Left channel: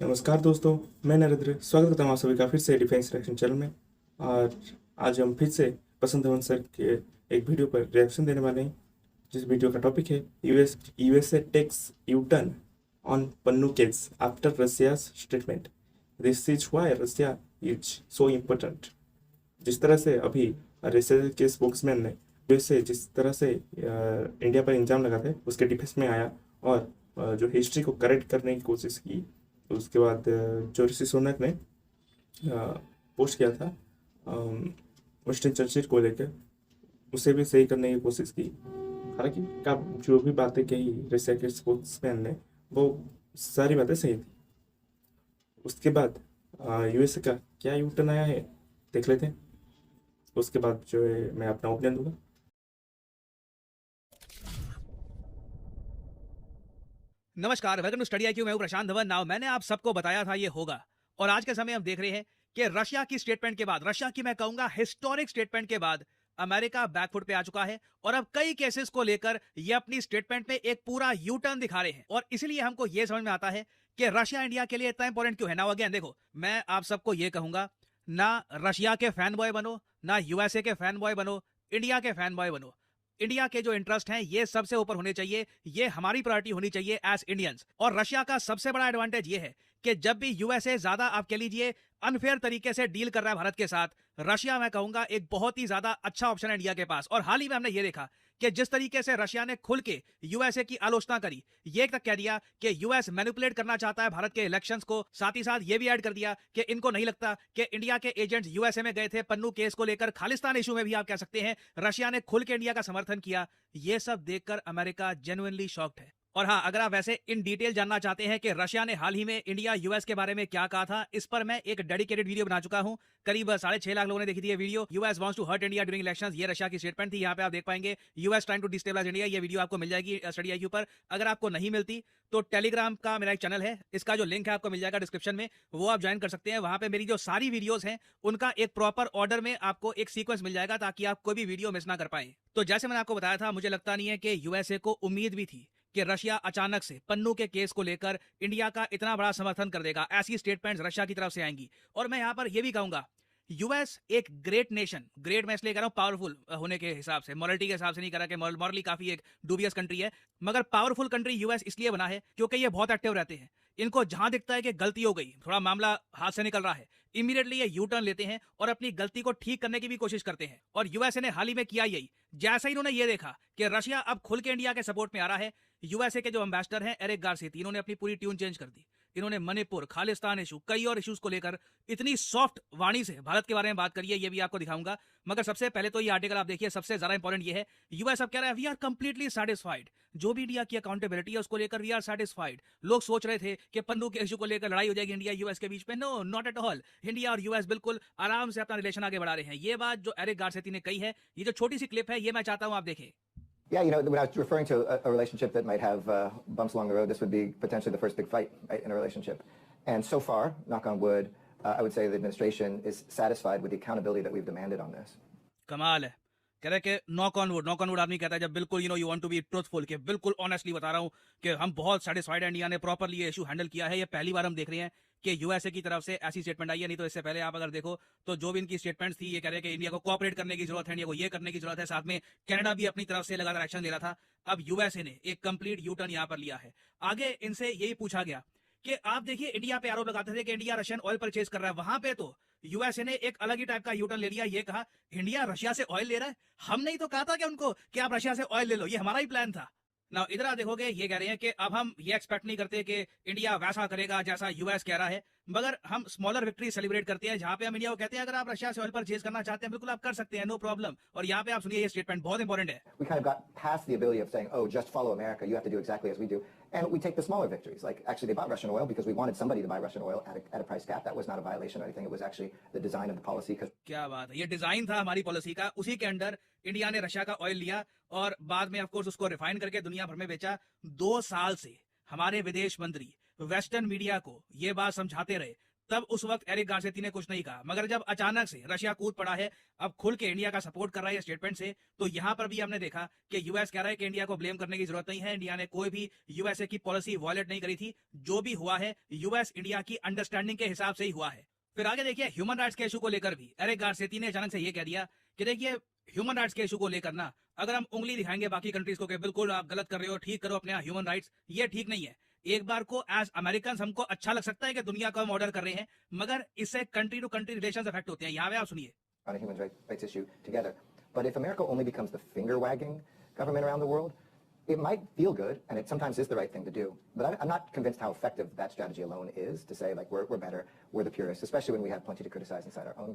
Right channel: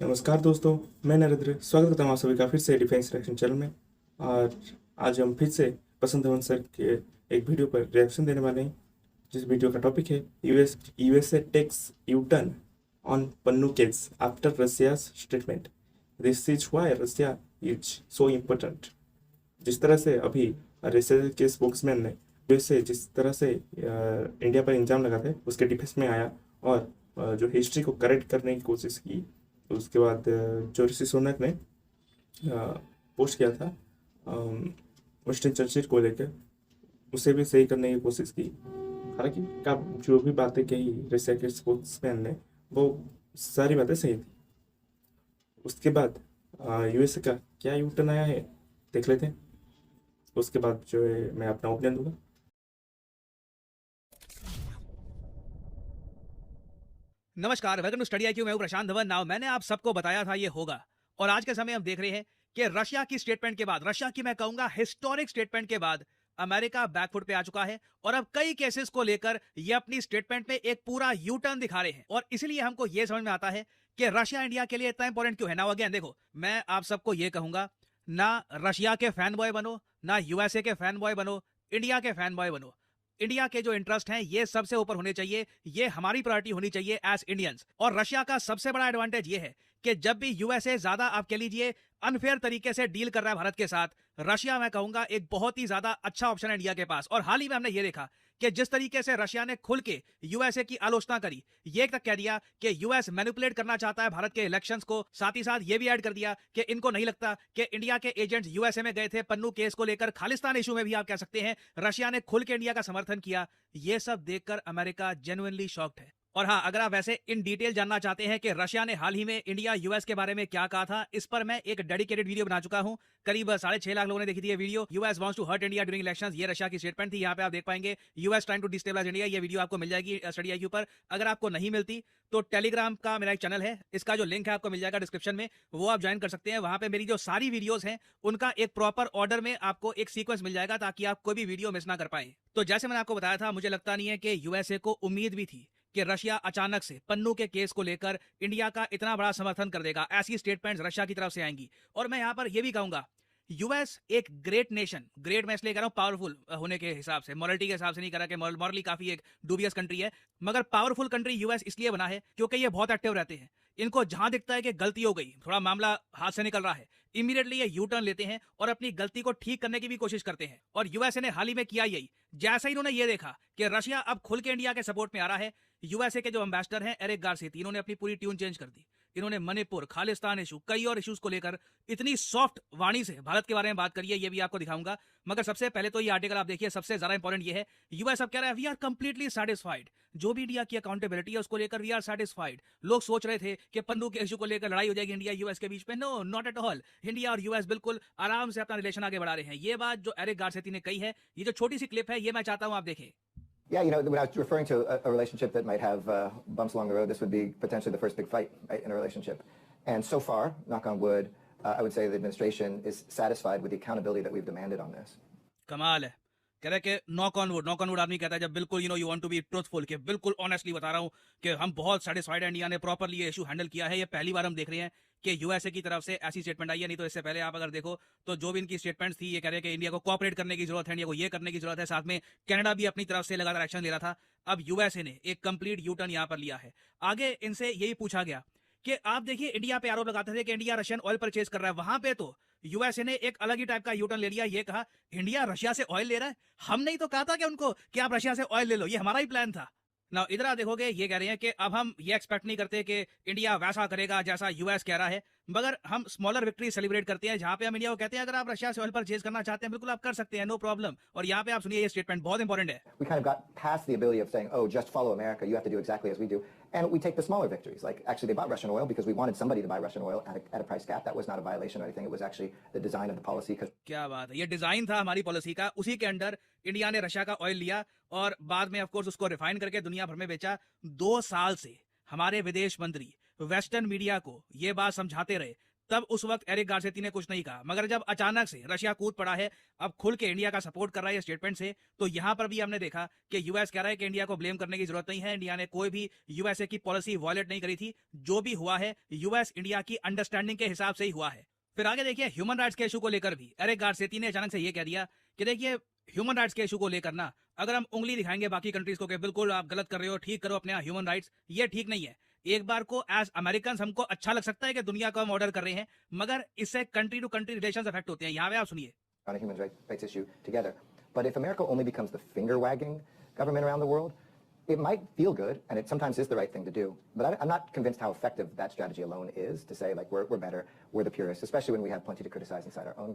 नमस्कार दोस्तों, मैं नरेंद्र स्वागत करता हूँ आप सभी का फिर से डिफेंस रिएक्शन चैनल में। और आज हम फिर से बसंत धवन सर के एक वीडियो पर रिएक्शन देने वाले हैं, जिस वीडियो का टॉपिक है USA takes U turn on Pannu case after Russia statement, this is why Russia is so important. जिस तरह से अभी रसिया के स्पोक्समैन ने यूएसए जिस तरह से इंडिया पर इल्जाम लगाते उसके डिफेंस में आया और जो हिस्ट्री को करेक्ट करने की कोशिश की। उसके बाद जो ऋषि सुनक ने पोस्ट किया था विंस्टन चर्चिल को लेकर, उसे भी सही करने की कोशिश की। हालांकि का जो भी बातें कही रशिया के स्पोक्समैन ने, वो सारी बातें सही थी। उसके बाद यूएसए का क्या यू टर्न आया है देख लेते हैं। उसके बाद जो है मैं अपना ओपिनियन दूंगा। नमस्कार, वेलकम टू स्टडी आईक्यू। मैं हूं प्रशांत धवन। नाउ मैंने आप सबको बताया था ये होगा, और आज के समय हम देख रहे हैं कि रशिया की स्टेटमेंट के बाद, रशिया की मैं कहूंगा हिस्टोरिक स्टेटमेंट के बाद, अमेरिका बैकफुट पे आ चुका है और अब कई केसेस को लेकर ये अपनी स्टेटमेंट में एक पूरा यू टर्न दिखा रहे हैं। और इसलिए हमको ये समझ में आता है कि रशिया इंडिया के लिए इतना इंपॉर्टेंट क्यों है। ना अगेन देखो, मैं आप सबको ये कहूंगा, ना रशिया के फैन बॉय बनो, ना यूएसए के फैन बॉय बनो, इंडिया के फैन बॉय बनो। इंडिया के जो इंटरेस्ट हैं ये सबसे ऊपर होने चाहिए, ये हमारी प्रायोरिटी होनी चाहिए एज इंडियंस। और रशिया का सबसे बड़ा एडवांटेज ये है कि जब भी यूएसए ज्यादा आप कह लीजिए अनफेयर तरीके से डील कर रहा है भारत के साथ, रशिया मैं कहूंगा एक बहुत ही ज्यादा अच्छा ऑप्शन है इंडिया के पास। और हाल ही में हमने ये देखा कि जिस तरीके से रशिया ने खुल के यूएसए की आलोचना करी, ये तक कह दिया कि यूएस मैनिपुलेट करना चाहता है भारत के इलेक्शंस को, साथ ही साथ ये भी ऐड कर दिया कि इनको नहीं लगता कि इंडिया के एजेंट्स यूएसए में गए थे पन्नू केस को लेकर। खालिस्तान इशू में भी आप कह सकते हैं रशिया ने खुल के इंडिया का समर्थन किया। ये सब देखकर अमेरिका जेन्युइनली शॉक्ड है। और हाँ, अगर आप वैसे इन डिटेल जानना चाहते हैं कि रशिया ने हाल ही में इंडिया यूएस के बारे में क्या कहा था, इस पर मैं एक डेडिकेटेड वीडियो बना चुका हूं। करीब 6.5 लाख लोगों ने देखी थी ये video. US wants to hurt India during elections, ये रशिया की स्टेटमेंट थी। यहाँ पे आप देख पाएंगे US trying to destabilise India. ये वीडियो आपको मिल जाएगी स्टडी आईक्यू पर। अगर आपको नहीं मिलती तो टेलीग्राम का मेरा एक चैनल है, इसका जो लिंक है आपको मिल जाएगा डिस्क्रिप्शन में, वो आप ज्वाइन कर सकते हैं। वहां पे मेरी जो सारी वीडियोस हैं उनका एक प्रॉपर ऑर्डर में आपको एक सीक्वेंस मिल जाएगा, ताकि आप कोई भी वीडियो मिस ना कर पाए। तो जैसे मैंने आपको बताया था, मुझे लगता नहीं है कि यूएसए को उम्मीद भी थी कि रशिया अचानक से पन्नू के केस को लेकर इंडिया का इतना बड़ा समर्थन कर देगा। ऐसी स्टेटमेंट्स रशिया की तरफ से आएंगी। और मैं यहां पर यह भी कहूंगा, यूएस एक ग्रेट नेशन, ग्रेट मैं इसलिए कह रहा हूं पावरफुल होने के हिसाब से, मॉरलिटी के हिसाब से नहीं कह रहा कि मॉरली काफी एक डूबियस कंट्री है, मगर पावरफुल कंट्री यूएस इसलिए बना है क्योंकि ये बहुत एक्टिव रहते हैं। इनको जहां दिखता है कि गलती हो गई, थोड़ा मामला हाथ से निकल रहा है, इमीडिएटली ये यू टर्न लेते हैं और अपनी गलती को ठीक करने की भी कोशिश करते हैं। और यूएसए ने हाल ही में किया यही। जैसा ही इन्होंने ये देखा कि रशिया अब खुल के इंडिया के सपोर्ट में आ रहा है, यूएसए के जो एम्बेसडर हैं एरिक गारसेती, इन्होंने अपनी पूरी ट्यून चेंज कर दी। इन्होंने मणिपुर, खालिस्तान इशू, कई और इश्यूज को लेकर इतनी सॉफ्ट वाणी से भारत के बारे में बात करी है, ये भी आपको दिखाऊंगा। मगर सबसे पहले तो ये आर्टिकल आप देखिए, सबसे ज्यादा इंपॉर्टेंट ये है, यूएस अब कह रहा है वी आर कंप्लीटली सेटिस्फाइड। जो भी इंडिया की अकाउंटेबिलिटी है उसको लेकर वी आर सेटिस्फाइड। लोग सोच रहे थे कि पन्नू के इशू को लेकर लड़ाई हो जाएगी इंडिया यूएस के बीच में, no not at all. India और यूएस बिल्कुल आराम से अपना रिलेशन आगे बढ़ा रहे हैं। ये बात जो एरिक गारसेती ने कही है, ये जो छोटी सी क्लिप है, ये मैं चाहता हूं आप देखें। Yeah, when I was referring to a relationship that might have bumps along the road, this would be potentially the first big fight, right, in a relationship. And so far, knock on wood, I would say the administration is satisfied with the accountability that we've demanded on this. कमाल है। कह रहे कि knock on would आदमी कहता है जब बिल्कुल you want to be truthful, कि बिल्कुल ऑनेस्टली बता रहा हूं कि हम बहुत सेटिस्फाइड हैं, इंडिया ने प्रॉपर्ली इशू हैंडल किया है। ये पहली बार हम देख रहे हैं कि यूएसए की तरफ से ऐसी स्टेटमेंट आई है। नहीं तो इससे पहले आप अगर देखो तो जो भी इनकी स्टेटमेंट्स थी, ये कह रहे हैं कि इंडिया को कोऑपरेट करने की जरूरत है, इंडिया को ये करने की जरूरत है। साथ में कनाडा भी अपनी तरफ से लगातार एक्शन ले रहा था। अब यूएसए ने एक कंप्लीट यू टर्न यहाँ पर लिया है। आगे इनसे यही पूछा गया कि आप देखिए, इंडिया पे आरोप लगाते थे कि इंडिया रशियन ऑयल परचेज कर रहा है, वहां पे तो यूएसए ने एक अलग ही टाइप का यूटर्न ले लिया। ये कहा इंडिया रशिया से ऑयल ले रहा है, हमने ही तो कहा था कि उनको कि आप रशिया से ऑयल ले लो, ये हमारा ही प्लान था ना। इधर आप देखोगे ये कह रहे हैं कि अब हम ये एक्सपेक्ट नहीं करते कि इंडिया वैसा करेगा जैसा यूएस कह रहा है, मगर हम स्मॉलर विक्ट्री सेलिब्रेट करते हैं, जहां पे हम इंडिया को कहते हैं अगर आप रशिया से ऑयल परचेज करना चाहते हैं बिल्कुल आप कर सकते हैं, नो प्रॉब्लम। और यहाँ पे आप सुनिए, ये स्टेटमेंट बहुत इंपॉर्टेंट है। We kind of got past the ability of saying, oh, just follow America, you have to do exactly as we do. And we take the smaller victories. Like, actually, they bought Russian oil because we wanted somebody to buy Russian oil at a price cap. That was not a violation or anything. It was actually the design of the policy. क्या बात है, ये design था हमारी policy का, उसी के under India ने रशिया का ऑयल लिया और बाद में ऑफ कोर्स उसको रिफाइन करके दुनिया भर में बेचा। 2 साल से हमारे विदेश मंत्री वेस्टर्न मीडिया को ये बात समझाते रहे, तब उस वक्त एरिक गारसेती ने कुछ नहीं कहा, मगर जब अचानक से रशिया कूद पड़ा है, अब खुल के इंडिया का सपोर्ट कर रहा है स्टेटमेंट से, तो यहाँ पर भी हमने देखा कि यूएस कह रहा है कि इंडिया को ब्लेम करने की जरूरत नहीं है, इंडिया ने कोई भी यूएसए की पॉलिसी वायलेट नहीं करी थी, जो भी हुआ है यूएस इंडिया की अंडरस्टैंडिंग के हिसाब से ही हुआ है। फिर आगे देखिए ह्यूमन राइट्स के इशू को लेकर भी एरिक गारसेती ने अचानक से ये कह दिया कि देखिए ह्यूमन राइट्स के इशू को लेकर ना, अगर हम उंगली दिखाएंगे बाकी कंट्रीज को कि बिल्कुल आप गलत कर रहे हो, ठीक करो अपने ह्यूमन राइट्स, ये ठीक नहीं है। एक बार को एज अमेरिकन हमको अच्छा लग सकता है कि दुनिया को हम ऑर्डर कर रहे हैं, मगर इससे country to country relations affect होते हैं। यहाँ पे आप सुनिए, on a human rights issue together. But if America only becomes the finger-wagging government around the world, it might feel good, and it sometimes is the right thing to do. But I'm not convinced how effective that strategy alone is to say, like, we're better, we're the purists, especially when we have plenty to criticize inside our own.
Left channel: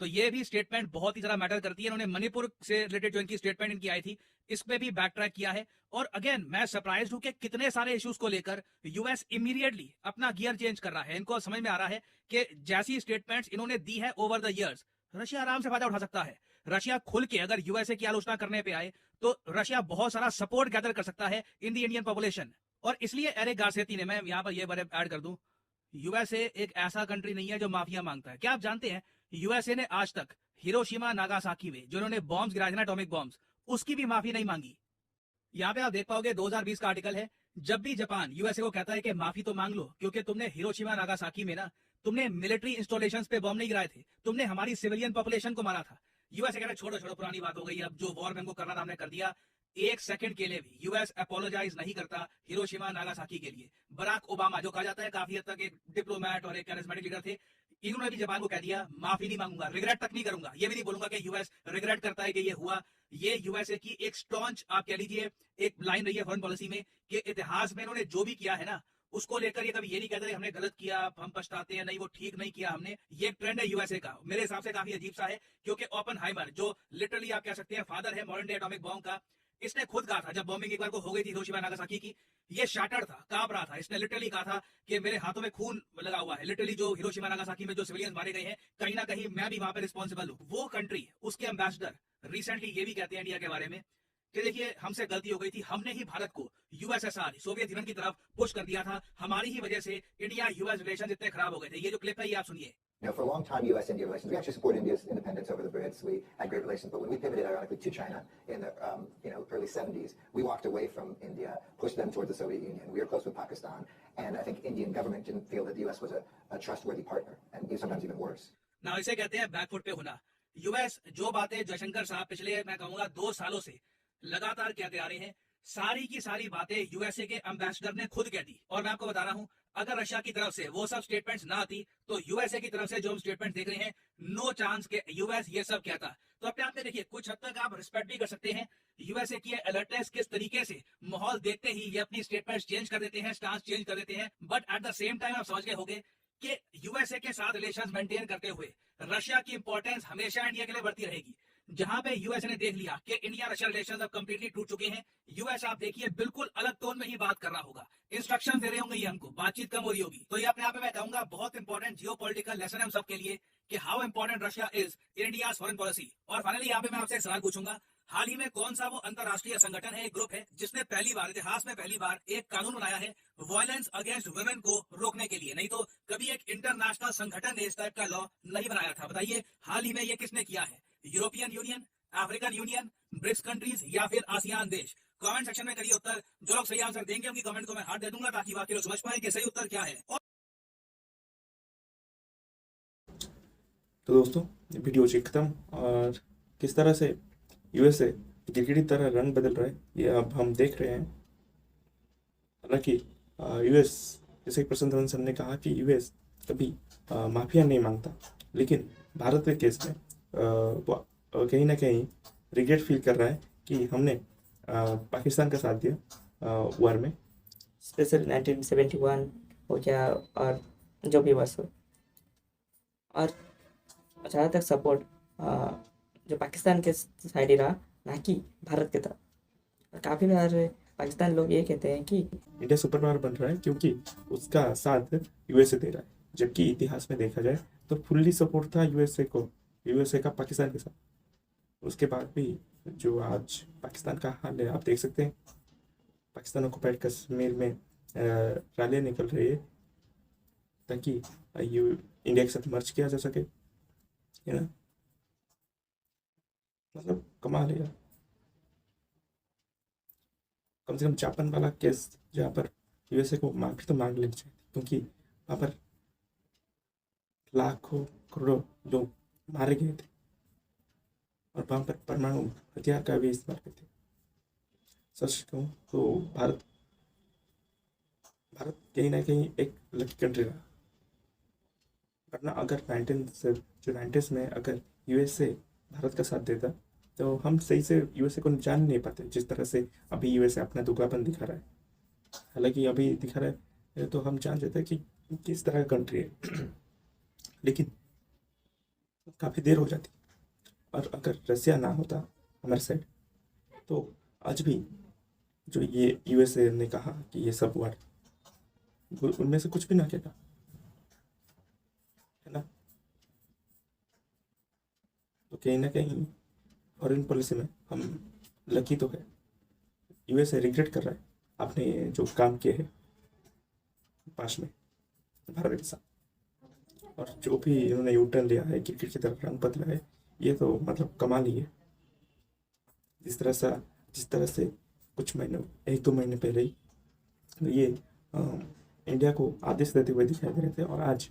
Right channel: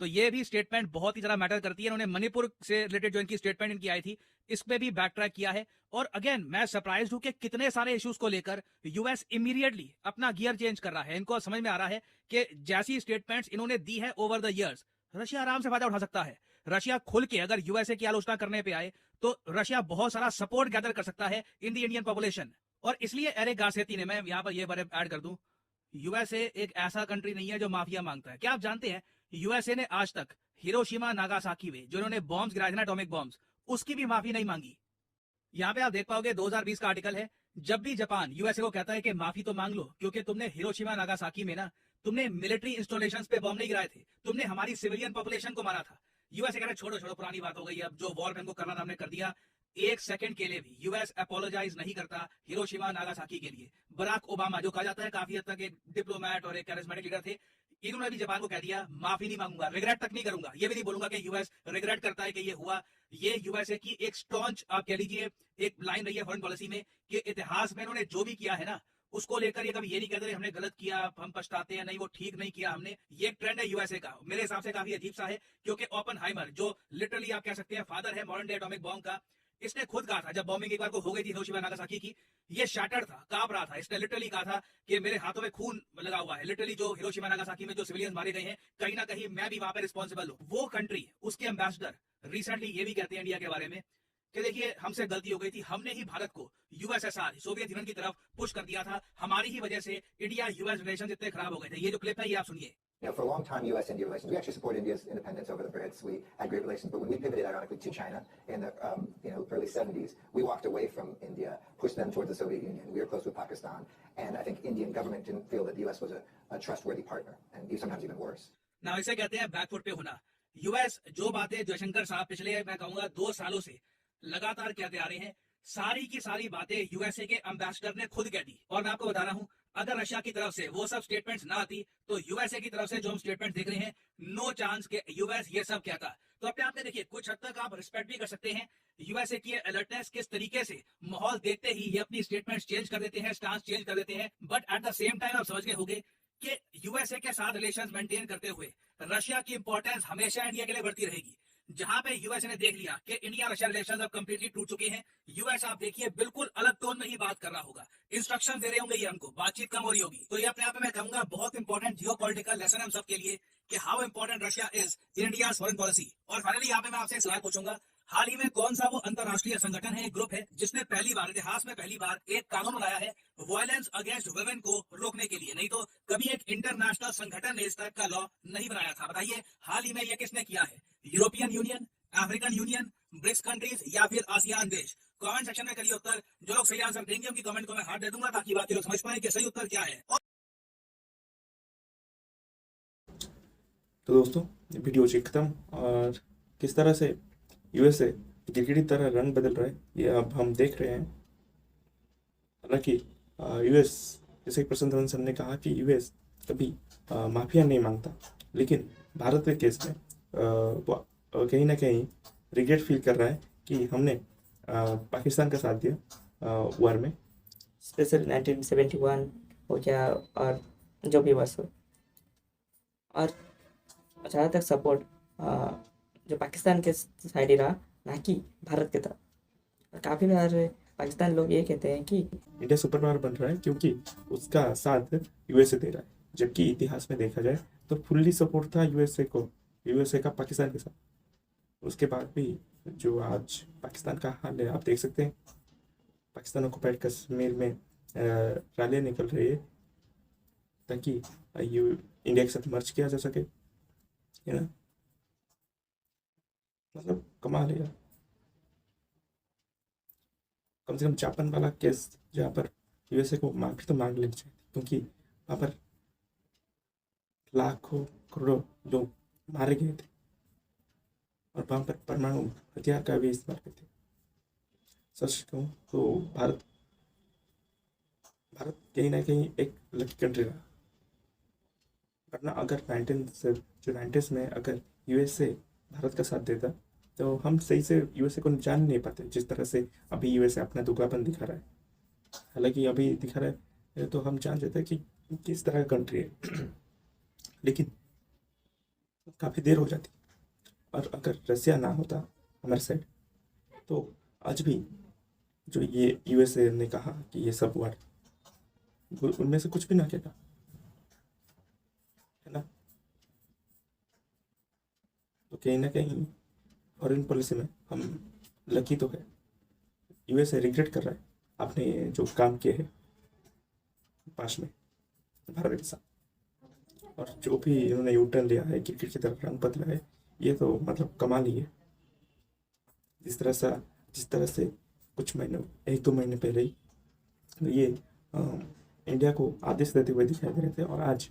तो ये भी statement बहुत ही ज्यादा matter करती है। उन्होंने मणिपुर से related जो इनकी स्टेटमेंट इनकी आई थी, इस पे भी बैक ट्रैक किया है। और अगेन मैं सरप्राइज हूं कि कितने सारे इश्यूज को लेकर यूएस इमीडिएटली अपना गियर चेंज कर रहा है। इनको समझ में आ रहा है कि जैसी स्टेटमेंट्स इन्होंने दी है ओवर द इयर्स, रशिया आराम से फायदा उठा सकता है। रशिया खुल के अगर यूएसए की आलोचना करने पे आए तो रशिया बहुत सारा सपोर्ट गैदर कर सकता है इन द इंडियन पॉपुलेशन। और इसलिए एरिक गारसेती ने, मैं यहाँ पर ये वर्ड ऐड कर दूं, यूएसए एक ऐसा कंट्री नहीं है जो माफिया मांगता है। क्या आप जानते हैं यूएसए ने आज तक हिरोशिमा नागासाकी में जो उन्होंने बॉम्ब्स गिराए थे ना, एटॉमिक बॉम्ब्स, उसकी भी माफी नहीं मांगी। यहाँ पे आप देख पाओगे 2020 का आर्टिकल है, जब भी जापान यूएसए को कहता है कि माफी तो मांग लो क्योंकि तुमने हिरोशिमा नागासाकी में ना, तुमने मिलिट्री इंस्टॉलेशंस पे बॉम्ब नहीं गिराए थे, तुमने हमारी सिविलियन पॉपुलेशन को मारा था। यूएसए कह रहा है छोड़ो छोड़ो पुरानी बात हो गई, अब जो वॉर में हमको करना था हमने कर दिया। एक सेकंड के लिए भी यूएस अपोलोजाइज नहीं करता हिरोशिमा नागासाकी के लिए। बराक ओबामा जो कहा जाता है काफी हद तक एक डिप्लोमेट और एक कैरिस्मेटिक लीडर थे, इन्होंने भी जापान को कह दिया माफी नहीं मांगूंगा, रिग्रेट तक नहीं करूंगा। ये भी नहीं बोलूंगा कि यूएस रिग्रेट करता है कि ये हुआ। ये यूएसए की एक स्टॉन्च आप कह लीजिए एक लाइन रही है फॉरेन पॉलिसी में कि इतिहास में इन्होंने जो भी किया है ना, उसको लेकर ये कभी ये नहीं कहते हमने गलत किया, हम पछताते हैं, नहीं वो ठीक नहीं किया हमने। ये ट्रेंड है यूएसए का, मेरे हिसाब से काफी अजीब सा है, क्योंकि ओपनहाइमर जो लिटरली आप कह सकते हैं फादर है मॉडर्न डे एटॉमिक बॉम्ब का, इसने खुद कहा था जब बॉम्बिंग एक बार को हो गई थी हिरोशिमा नागासाकी की, ये शाटर्ड था, कांप रहा था, इसने लिटरली कहा था कि मेरे हाथों में खून लगा हुआ है। लिटरली जो हिरोशिमा नागासाकी में जो सिविलियंस मारे गए हैं, कहीं ना कहीं मैं भी वहां पे रिस्पॉन्सिबल हूँ। वो कंट्री, उसके एम्बेसडर रिसेंटली ये भी कहते हैं इंडिया के बारे में कि देखिए हमसे गलती हो गई थी, हमने ही भारत को यूएसएसआर सोवियत यूनियन की तरफ पुश कर दिया था, हमारी ही वजह से इंडिया यूएस रिलेशन इतने खराब हो गए थे। ये जो क्लिप है ये आप सुनिए। Now, for a long time, U.S.-India relations, we actually supported India's independence over the Brits. We had great relations. But when we pivoted, ironically, to China in the early 70s, we walked away from India, pushed them towards the Soviet Union. We were close with Pakistan. And I think Indian government didn't feel that the U.S. was a trustworthy partner, and sometimes even worse. ना इसे कहते हैं back foot पे होना। US जो बातें जयशंकर साहब पिछले मैं कहूंगा 2 सालों से लगातार कहते आ रहे हैं, सारी की सारी बातें यूएसए के एम्बेसडर ने खुद कह दी। और मैं आपको बता रहा हूं, अगर रशिया की तरफ से वो सब स्टेटमेंट्स ना आती तो यूएसए की तरफ से जो हम स्टेटमेंट देख रहे हैं, नो चांस के यूएस ये सब कहता। तो अपने आप में देखिए कुछ हद तक आप रिस्पेक्ट भी कर सकते हैं यूएसए की अलर्टनेस, किस तरीके से माहौल देखते ही ये अपनी स्टेटमेंट्स चेंज कर देते हैं, स्टांस चेंज कर देते हैं। But at the same time आप समझ गए होंगे कि यूएसए के साथ रिलेशंस मेंटेन करते हुए रशिया की इंपॉर्टेंस हमेशा इंडिया के लिए बढ़ती रहेगी। जहां पे यूएस ने देख लिया कि इंडिया रशिया रिलेशंस अब कंप्लीटली टूट चुके हैं, यूएस आप देखिए बिल्कुल अलग टोन में ही बात कर रहा होगा, इंस्ट्रक्शन दे रहे होंगे ये हमको, बातचीत कम हो रही होगी। तो ये अपने आप में मैं कहूंगा बहुत इंपॉर्टेंट जियोपॉलिटिकल लेसन है हम सबके लिए कि how important Russia is in India's foreign policy. और फाइनली यहाँ पे मैं आपसे सवाल पूछूंगा, हाल ही में कौन सा वो अंतरराष्ट्रीय संगठन है, एक ग्रुप है, जिसने पहली बार इतिहास में पहली बार एक कानून बनाया है वायलेंस अगेंस्ट वुमेन को रोकने के लिए? नहीं तो कभी एक इंटरनेशनल संगठन ने इस टाइप का लॉ नहीं बनाया था। बताइए हाल ही में ये किसने किया है? European Union, African Union, BRICS countries या फिर आसियान देश? कमेंट सेक्शन में करिए उत्तर। जो लोग सही आंसर देंगे उनकी कमेंट को मैं हार्ट दे दूंगा ताकि बाकी लोग समझ पाए कि सही उत्तर क्या है। तो दोस्तों वीडियो जी खत्म, और किस तरह से यूएसए गिरगिट की तरह रंग बदल रहा है ये अब हम देख रहे हैं। हालांकि यूएस, जैसे प्रशांत धवन सर ने कहा कि यूएस कभी माफिया नहीं मांगता, लेकिन भारत के केस में वो कहीं ना कहीं रिग्रेट फील कर रहा है कि हमने पाकिस्तान का साथ दिया वार में, स्पेशल 1971 हो गया और जो भी बस हो। और ज़्यादातर सपोर्ट जो पाकिस्तान के साइड ही रहा, ना कि भारत के तरफ। और काफ़ी बार पाकिस्तान लोग ये कहते हैं कि इंडिया सुपर पावर बन रहा है क्योंकि उसका साथ यूएसए दे रहा है, जबकि इतिहास में देखा जाए तो फुल्ली सपोर्ट था यूएसए का पाकिस्तान के साथ। उसके बाद भी जो आज पाकिस्तान का हाल है आप देख सकते हैं, पाकिस्तान ऑक्युपाइड कश्मीर में रैलियां निकल रही है ताकि इंडिया के साथ मर्ज किया जा सके, है ना। मतलब कमाल है यार। कम से कम जापान वाला केस जहाँ पर यूएसए को माफी तो मांग लेनी चाहिए, क्योंकि वहाँ पर लाखों करोड़ों लोग मारे गए थे और वहाँ पर परमाणु हथियार का भी इस्तेमाल करते थे। सच कहूँ तो भारत भारत कहीं ना कहीं एक लकी कंट्री रहा, वरना अगर 1990s में अगर यूएसए भारत का साथ देता तो हम सही से यूएसए को जान नहीं पाते जिस तरह से अभी यूएसए अपना दोगलापन दिखा रहा है। हालांकि अभी दिखा रहा है तो हम जान जाते हैं कि किस तरह का कंट्री है लेकिन काफ़ी देर हो जाती। और अगर रसिया ना होता हमारे साइड तो आज भी जो ये यूएसए ने कहा कि ये सब हुआ उनमें से कुछ भी ना कहता, है ना। तो कहीं ना कहीं फॉरेन पॉलिसी में हम लकी तो है। यूएसए रिग्रेट कर रहा है आपने जो काम किए हैं पास में भारत के साथ, और जो भी इन्होंने यू टर्न लिया है क्रिकेट की तरफ रंग बदला है, ये तो मतलब कमाल ही है। जिस तरह से कुछ महीने 1-2 महीने पहले ही ये इंडिया को आदेश देते हुए दिखाई दे रहे थे और आज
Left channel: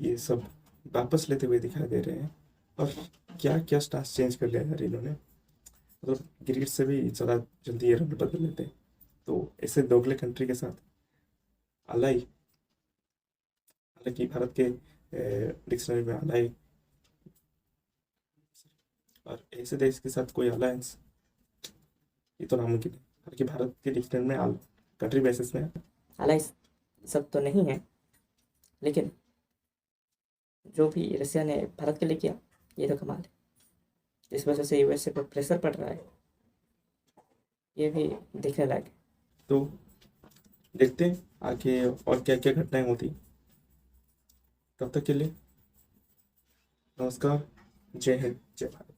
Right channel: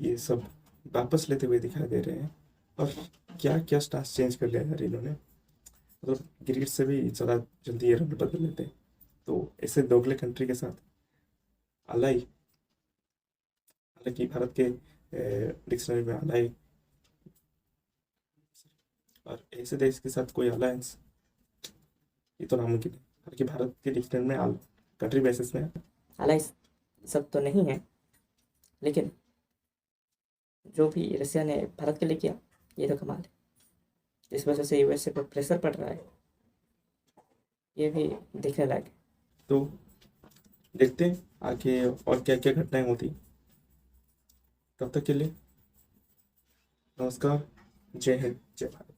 ये सब वापस लेते हुए दिखाई दे रहे हैं। और क्या क्या स्टांस चेंज कर लिया यार इन्होंने, मतलब क्रिकेट से भी ज़्यादा जल्दी ये रंग बदल लेते हैं। तो ऐसे दोगले कंट्री के साथ अलाई, हालांकि भारत के डिक्शनरी में अलाई और ऐसे देश के साथ कोई अलायंस ये तो नामुमकिन है। हालांकि भारत के डिक्शनरी में कंट्री बेसिस में हालांकि सब तो नहीं है, लेकिन जो भी रसिया ने भारत के लिए किया ये तो कमाल है। इस वजह से यूएसए पर प्रेशर पड़ रहा है, ये भी देखने लायक है। तो देखते हैं आगे और क्या क्या घटनाएं होती। तब तक के लिए नमस्कार, जय हिंद, जय भारत।